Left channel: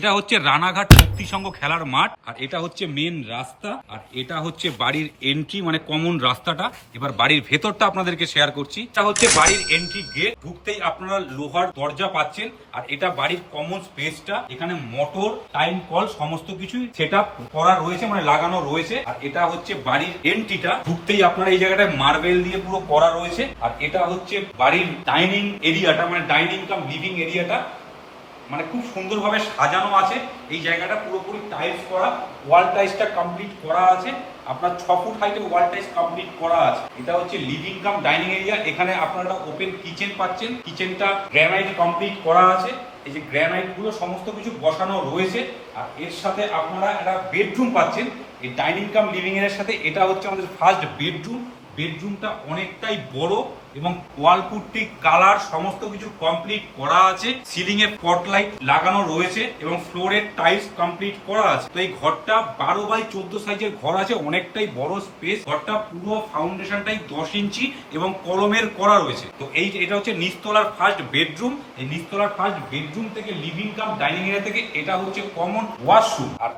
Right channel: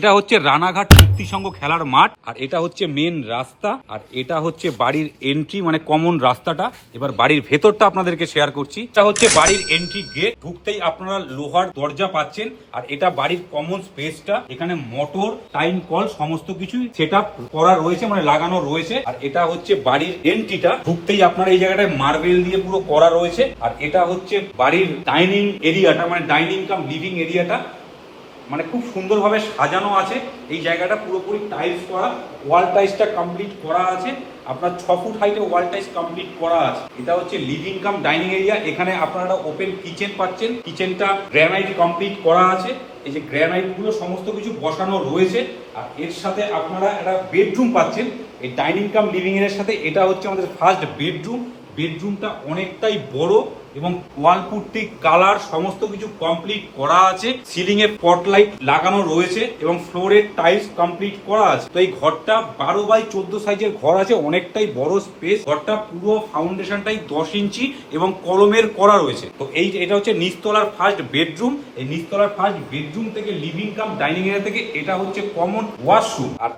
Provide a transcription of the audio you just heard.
এটা হচ্ছে রানাঘাট শক্তি সংঘ খেলার মাঠ, আর এটা হচ্ছে মেন রাস্তা, আর এটা হচ্ছে বাড়ির এন্ট্রি মানে কমন রাস্তাটা। এবার বাড়ির ভেতরটা আপনাদেরকে শেয়ার করছি। এটা হচ্ছে বাড়ির এন্ট্রি গেট, ঢুকতেই আপনারা লোহার দরজা পাচ্ছেন। আর এটা বাড়ির কমন স্পেসটা, এখানে মোটর, টাইম কল সমস্ত কিছুই সেটআপ করা রয়েছে, মানে লাগানো রয়েছে। আর এটা হচ্ছে বাড়ির এন্ট্রিটা, ঢুকতেই আপনারা এই জায়গাটায় মার্বেল দিয়ে পুরো করা রয়েছে। আর এটা হচ্ছে বাড়ির ডাইনিং এরিয়াটা, মানে ডাইনিং কাম লিভিং এরিয়াটা, মানে খুব সুন্দরভাবে সাজানো আছে। এই জায়গাটা পুরোপুরি টাইলস করা, ওয়াল টাইলসটা কমপ্লিট করা আছে। আপনার 6 ফুট হাইটে ওয়াল টাইলস কমপ্লিট করা আছে। এটা হচ্ছে লিভিং কাম ডাইনিং এরিয়া। এখানে আপনারা ওপেন কিচেন পাচ্ছেন। কিচেনটা গ্রানাইট কমপ্লিট করা আছে। এই যে গ্রানাইট গুলো সমস্ত কিছু বসানো রয়েছে। আর এর সাথে আপনারা একটা বেডরুম পাচ্ছেন এই ডাইনিং কাম লিভিং এর সাথে। এটা হচ্ছে আমাদের ফার্স্ট বেডরুম। বেডরুমটা অনেকটাই বড় এবং ওয়াল পুট্টি, কালার সমস্ত কিছু কমপ্লিট করা আছে। সিলিং এ স্পটলাইট লাগানো রয়েছে এবং ফ্লোরের টাইলস কমপ্লিট করা আছে। তো এই ঘরটা 12x14 সাইজের ঘর আছে, অনেকটাই বড় স্পেস। ঘরটা পুরো ফাউন্ডেশনটাই 10 ইঞ্চি এবং কলমের করা রয়েছে। তো এটা হচ্ছে নিচতলার ফার্স্ট বেডরুম। এই নিচতলার ফার্স্ট বেডরুম থেকে লিভিং কাম ডাইনিং এরিয়া থেকে এটা হচ্ছে কমন ওয়াশরুম। আর